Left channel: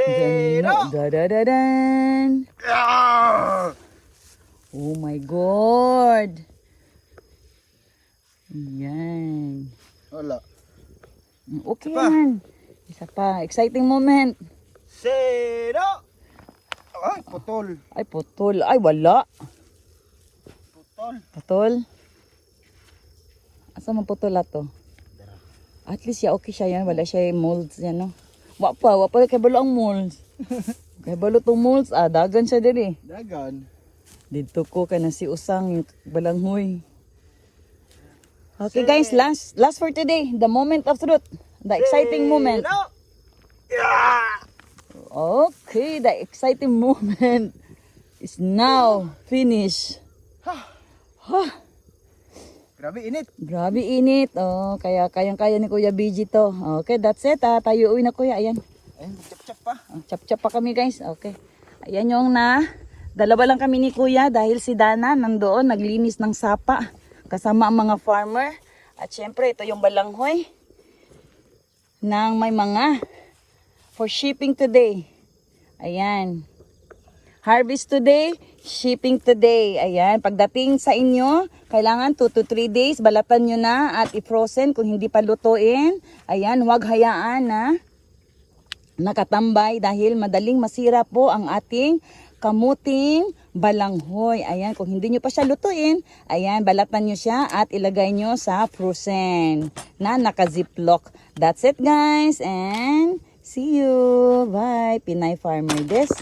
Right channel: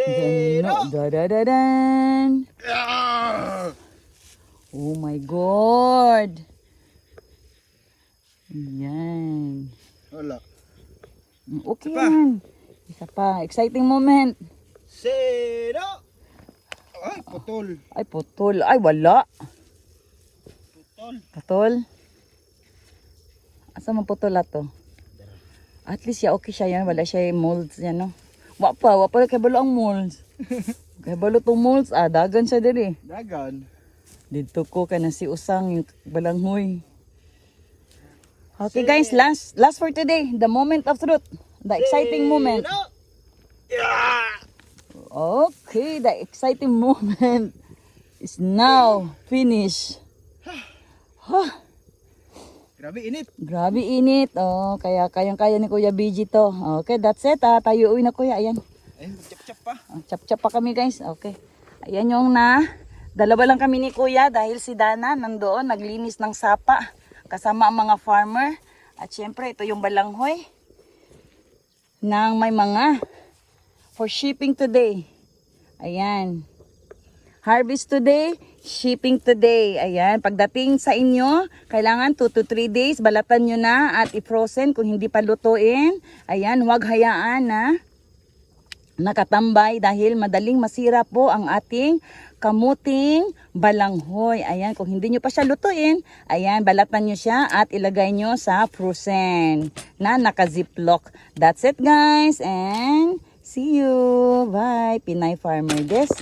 Zero! Dadadadan! Ah! Oh my God! Yan. Wala. Okay Isa pa. yan. Isa pa. Exciting moment. Zero! Ay, putol. Ay, putol. Ay, wala. Putol. Putol. Asa man putol ato? At least ya okay siya yan. Wala siya yung molds yan, no? Wapa kay balo ang molds. Kay balo tong molds. Ah, dagan siya diri. Dagan. Dito ko kay na si Usang yung balanghoy. Okay guys, last for today. The moment of truth. The exciting moment. Zero! Yeah! Okay, the exciting moment is now finished. Grabe init. Grabe init. Oh, kaya kayang-kaya ni Kuya BG to. Okay, that's it. Tayo uwi na Kuya. Ayan. Ayun, chap-chap pa. Chap-chap pa kami guys. Okay. Ayan yung dalawa lang kami ni Kuya dahil si Dana nandoon naglinis ng sapa kasama ang mga farmer. At syempre ito yung balanghoy ng may mga for shipping today. Ayan. Harvest today, shipping today. Ayan, pagdating sa inyo, kailangan 2 to 3 days, balatan nyo na at i-frozen kung hindi pa lutuin. Ayan, huwag hayaan na nakatambay dahil madaling masira po ang ating kamuting balanghoy. Ayan, kung hindi nyo pa siya lutuin, ayan, balatan nyo siya at ilagay nyo sa frozen na naka-ziplock. That's it guys and see you. Bye. Pinay Farmer this.